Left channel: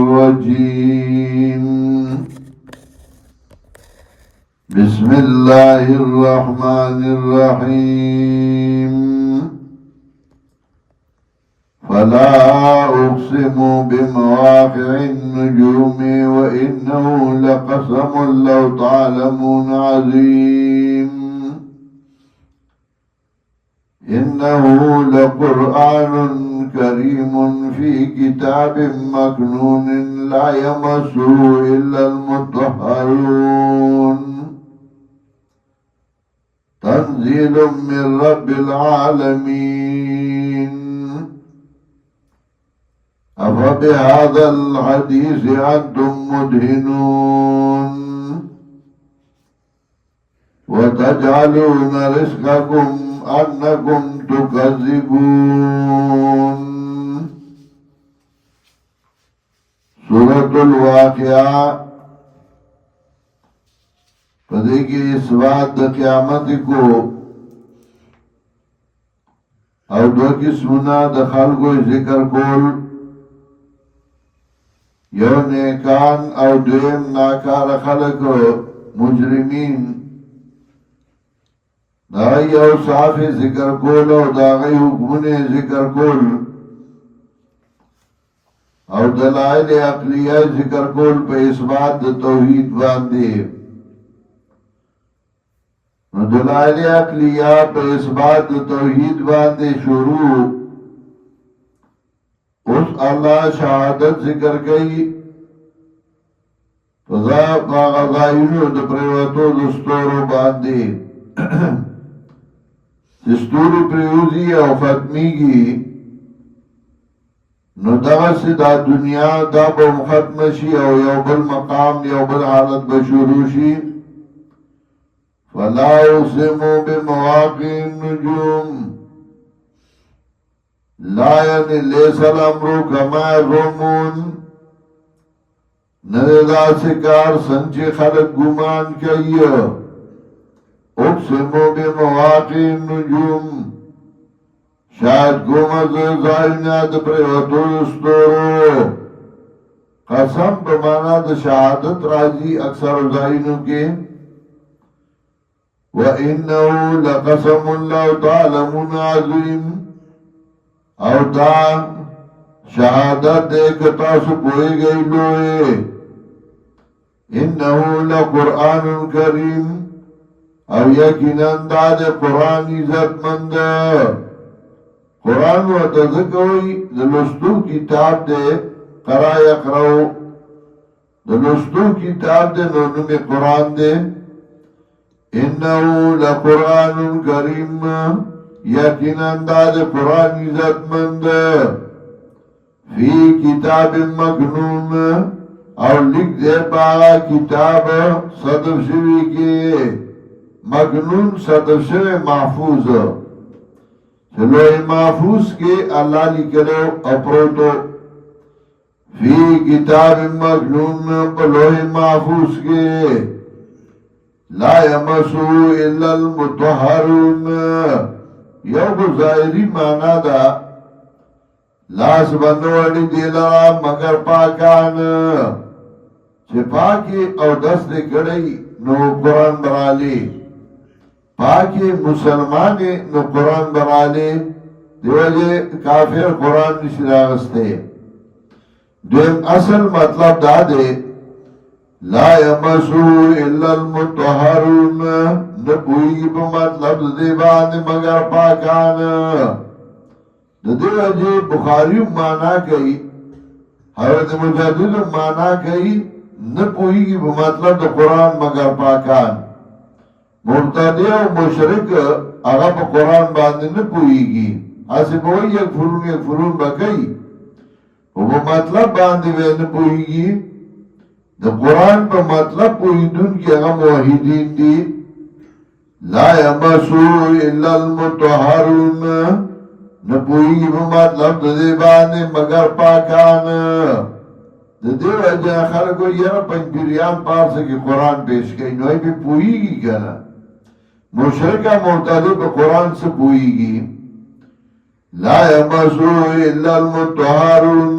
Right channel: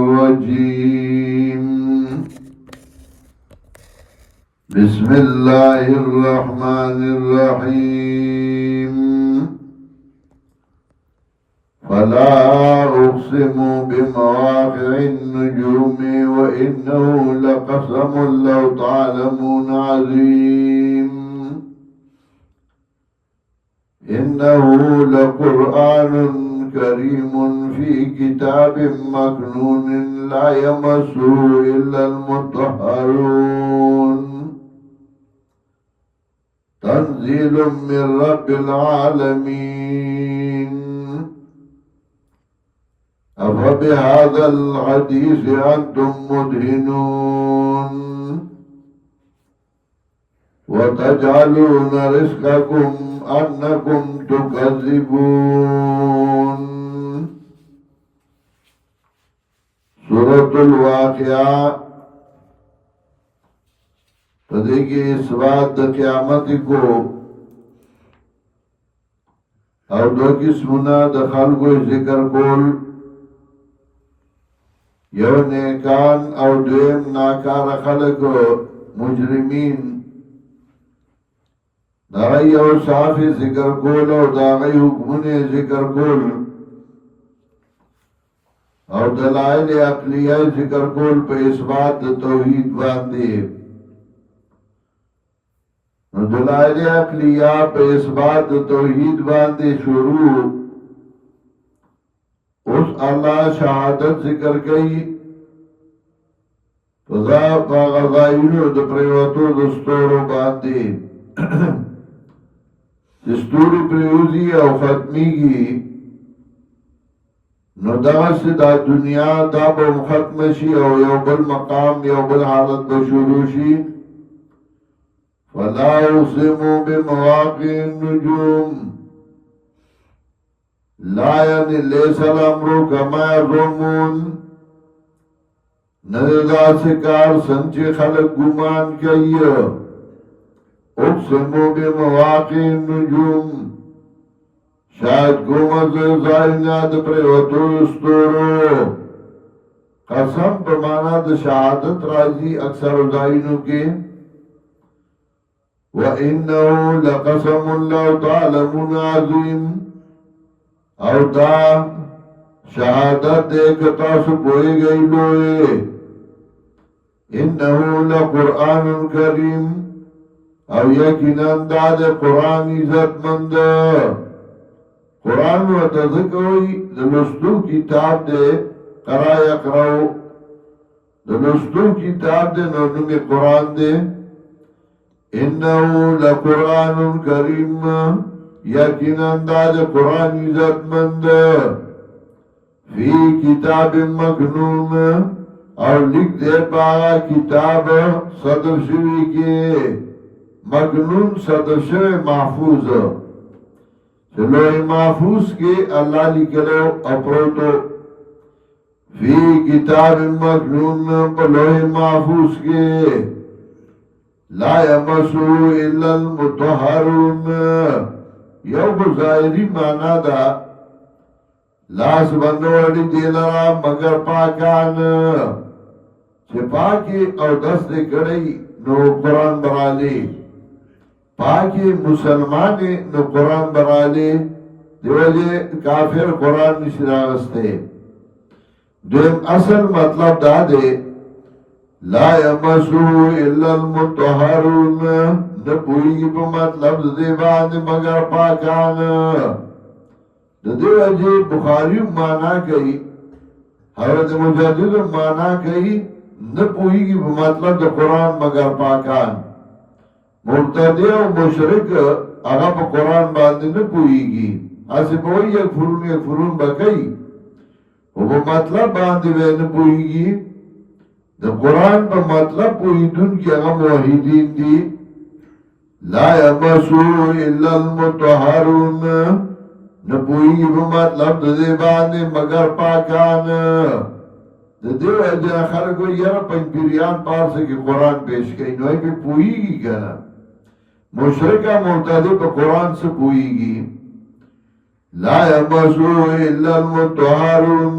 الرجيم. بسم الله الرحمن الرحيم. فلا أقسم بمواقع النجوم وإنه لقسم لو تعلمون عظيم. إنه لقرآن كريم في كتاب مكنون لا يمسه إلا المطهرون. تنزيل من رب العالمين. أفبهذا الحديث أنتم مدهنون وتجعلون رزقكم أنكم تكذبون. سورة الواقعة فدیکی اثبات دا قیامت کو او دو قسمنا دا خلقو ذکر کول، یو نیکان او دویم ناکار خلق مجرمین. دا یو صاف ذکر کول او دا غی حکمون ذکر کول او دلائل عقلیہ ذکر کول پہ اثبات دا توحید باندے. دلائل عقلیہ پہ اثبات دا توحید باندے شروع. اس اللہ شہادت ذکر کئی فضا غزائنو دا پریوتو دستورو باندے دستوری پریوزی او ختمی گی نو دا سی دا دنیا دا با ختم شی او یو بل مقام یو بل حالت بشورو شی. فلا اقسم بمواقع النجوم لا یعنی لیس الامر کما یظنون. ندا سکار سنچے خلق گمان کئی. اقسم بمواقع النجوم شاید گمز زائنات پریوتو دستورو. قسم بمانا دا شہادت راضی اکثر زائنوں کے. وَإِنَّهُ لَقَسَمٌ لَوْ تَعْلَمُونَ عَظِيمٌ. او دا شہادت دیکھتا سپوئی گئی لوئے. إِنَّهُ لَقُرْآنٌ كَرِيمٌ. او یقیناً دا دے قرآن عزت مند. قرآن و تذکوئی دلستو کتاب دے قرآ یقرأو. دلستو کتاب دے نونم قرآن دے. انہو لقرآن کریم یقیناً دا دے قرآن عزت مند. فی کتاب مکنون اور لکھ دے پا کتاب صدف شوی کے. مکنون صدف شوی محفوظ چلوئے محفوظ کے اللہ لکھلو اپروتو. فی کتاب مکنون پلوئے محفوظ کے. لا یمسو الا المطہرون. یو ظاہری معنی دا لاس بنوڑی دیلرا مگر پاکان. چھ پاکی او دست کڑی نو قرآن برالی. پاکی مسلمانی نو قرآن برالی. دیوجے کافر قرآن نشراغستے. دویم اصل مطلب دا دے لا یمسو الا المطہرون. نبوئی پا مطلب دے بعد مگر پاکان. دیوجے بخاری مانا کئی حضرت مجدد مانا کئی نبوئی کی مطلب دا قرآن مگر پاکان. مرتدی و مشرک اغا پا قرآن باندے نبوئی گی. اسی بوئی یک فرون بکئی و مطلب باندے وے نبوئی گی. دا قرآن پا مطلب پویدن کی اغا موحیدین دی. لا یمسو الا المطہرون. نبوئی گی پا مطلب دے باندے مگر پاکان. دیو اجا خلقو یرا پنجریان پارسا کی قرآن پیش کئی نوئی پہ پوئی گی کنا. مشرکہ مرتدی پہ قرآن سے پوئی گی. لا یمسو الا المطہرون.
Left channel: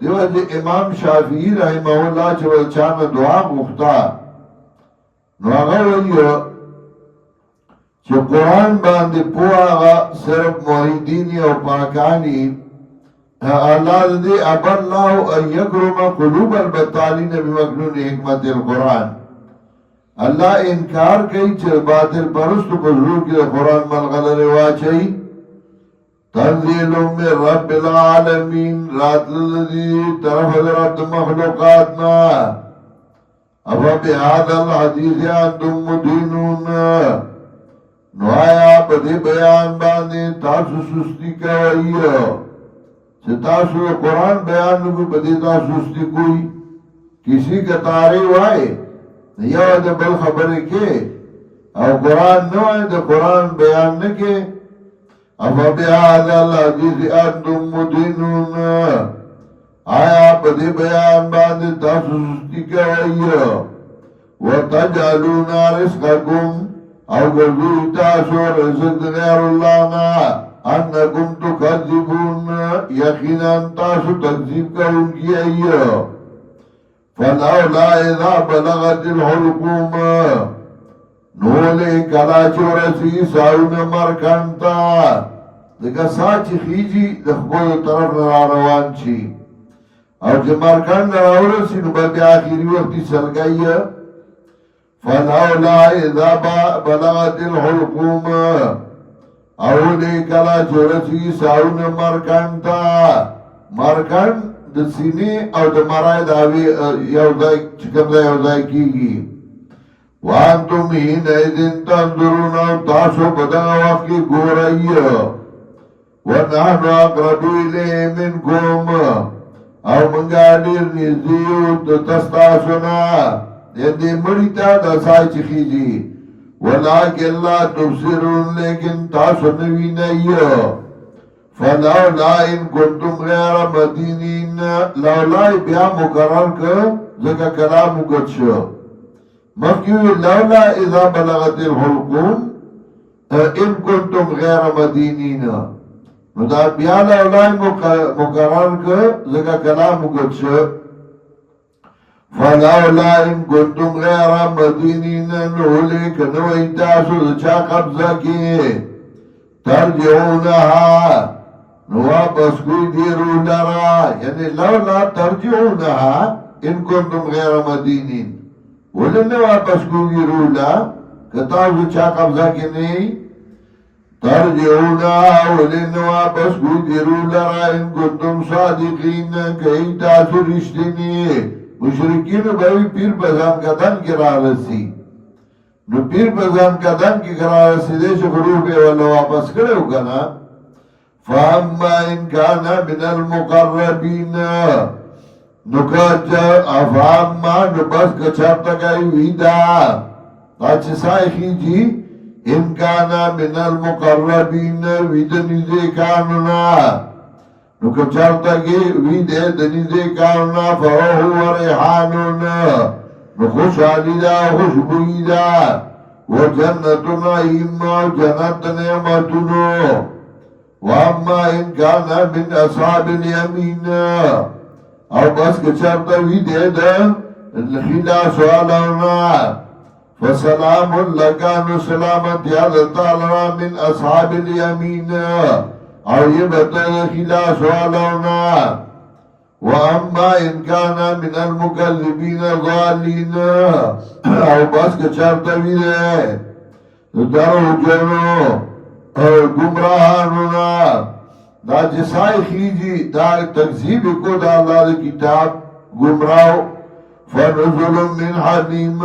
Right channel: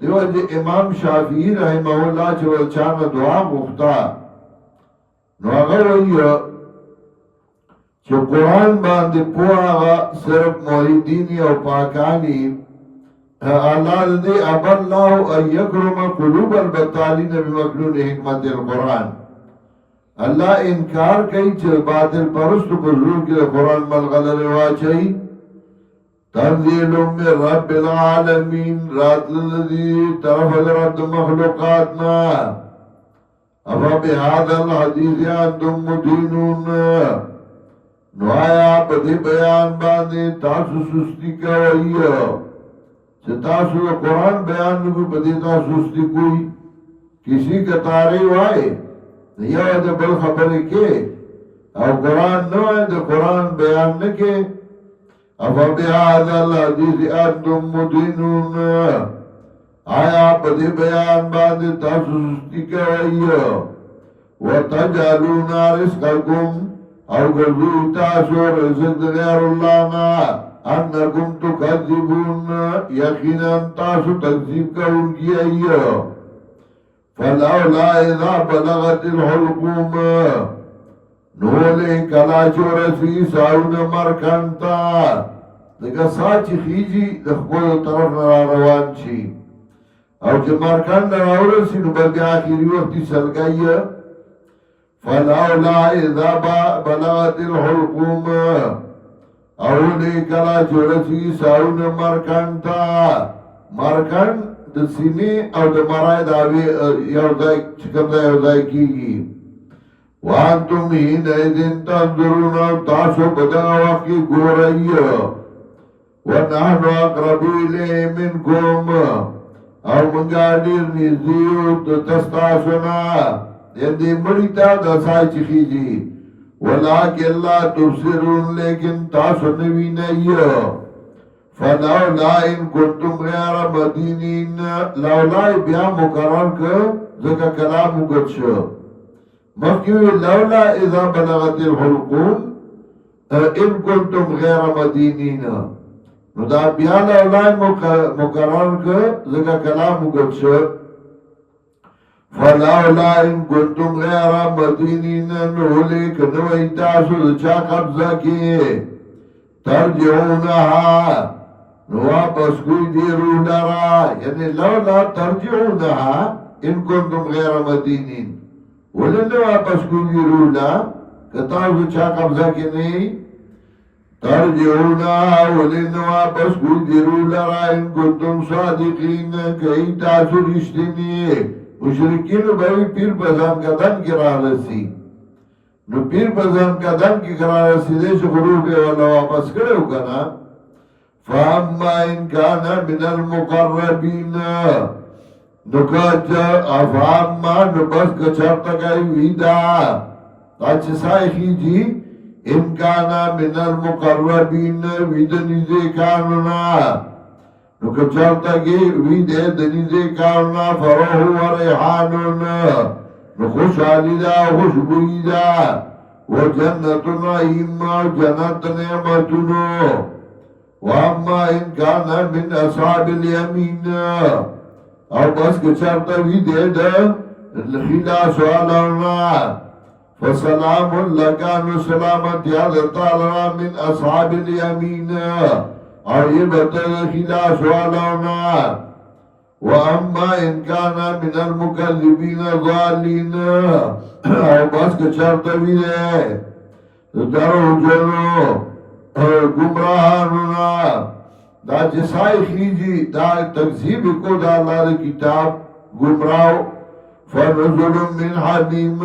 دیو جی امام شافعی رحمه اللہ چو چانا دعا گفتا نو آغا ویو چو قرآن باندے پوآغا صرف موحیدینی و پاکانی اللہ دے اب اللہ ان یکرم قلوب البطالین بمکنون حکمت القرآن اللہ انکار کئی چو باطل پرست بزرگ کی قرآن ملغل رواچائی تنزیل من رب العالمین رات للذی طرف رب مخلوقاتنا افا بهذا الحدیث انتم مدینون نو آیا بدی بیان باندے تاسو سستی کوئی چه تاسو قرآن بیان نکو بدی تاسو سستی کوئی کسی کا تاری وائے یو دا بل خبر کے او قرآن نو ہے دا قرآن بیان نکے افبهذا الحديث انتم مدينون آیا بدی بیان باندې تاسو سستی کوي وتجعلون رزقكم او ګرځوي تاسو رزق د غیر الله نه انکم تکذبون یقینا تاسو تکذیب کوونکی ایو فلولا اذا بلغت الحلقوم نولی کلا چورسی ساون مرکنتا دکا سا چی خیجی دخبول طرف را روان چی او چی مرکن را ورسی نو بلدی آخری وقتی سلگئی فلولا اذا بلغت الحلقوم اولی کلا چورسی ساون مرکنتا مرکن د سینی او د مرای داوی یوزای چکم دا یوزای کی گی وانتم ہین ایدن تنظرون تاسو بدا وقی گو رئی ونحن اقربو الیه منکم او منگا دیر نزدیو تستاسونا یندی مریتا دسائی چخی جی ولیکن لا تبصرون لیکن تاسو نوی نئی فلولا ان کنتم غیر مدینین لولا بیا مقرر کر زکا کلام اگت شو مخیوی لولا اذا بلغت الحلقوم ان کنتم غیر مدینین نو دا بیا لولا مقرر کر زکا کلام اگت شو فلولا ان کنتم غیر مدینین نو لیکن ویتاسو دچا قبضہ کی ترجعونها نو واپس کوئی دیرو لرا یعنی لولا ترجعونها ان کنتم غیر مدینین ولن واپس کوئی دیرو لرا کتاو چا قبضہ کی نہیں ترجعونها ولن واپس کوئی دیرو لرا ان کنتم صادقین کئی تاسو رشتینی مشرکین بھائی پیر بزام قدم کی راہ رسی نو پیر بزام قدم کی راہ رسی دے چو غروب والا واپس کرے ہو کنا فاما ان کانا من المقربین نو کچا افاما نو بس کچھرتا گئی ویدا تاچ سائخی جی ان کانا من المقربین ویدا نزے کانونا نو کچھرتا گئی ویدا دنزے کانونا فروح و ریحانونا نو خوش آلی دا خوش بوئی دا و جنت نعیم و جنت نعمتنو واما ان کانا من اصحاب الیمین او بس کچھرتا وی دے دا خلا سوالانا فسلام لکانو سلامت یادتا لنا من اصحاب الیمین او یہ بتا خلا سوالانا واما ان کانا من المکذبین ضالین او بس کچھرتا وی دے درو جنو گمراہانونا دا جسائی خیجی دا تکذیب کو دا اللہ دا کتاب گمراہو فنزل من حمیم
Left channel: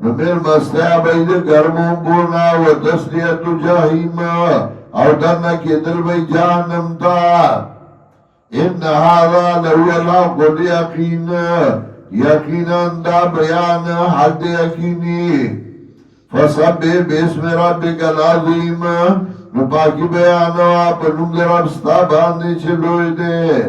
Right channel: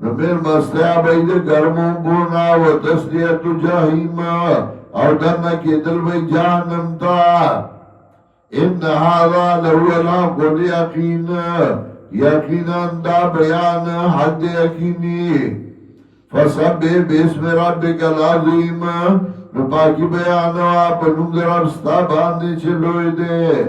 نمیر مستیابی دا گرمون بونا و تسلیت جہیم او دنہ کی دل بی جہنم تا ان هذا لہو الحق و یقین یقینا دا بیان حد یقینی فسبح باسم ربک العظیم نو پاکی بیانو آپ نم در ابستا باندے چلوئی دے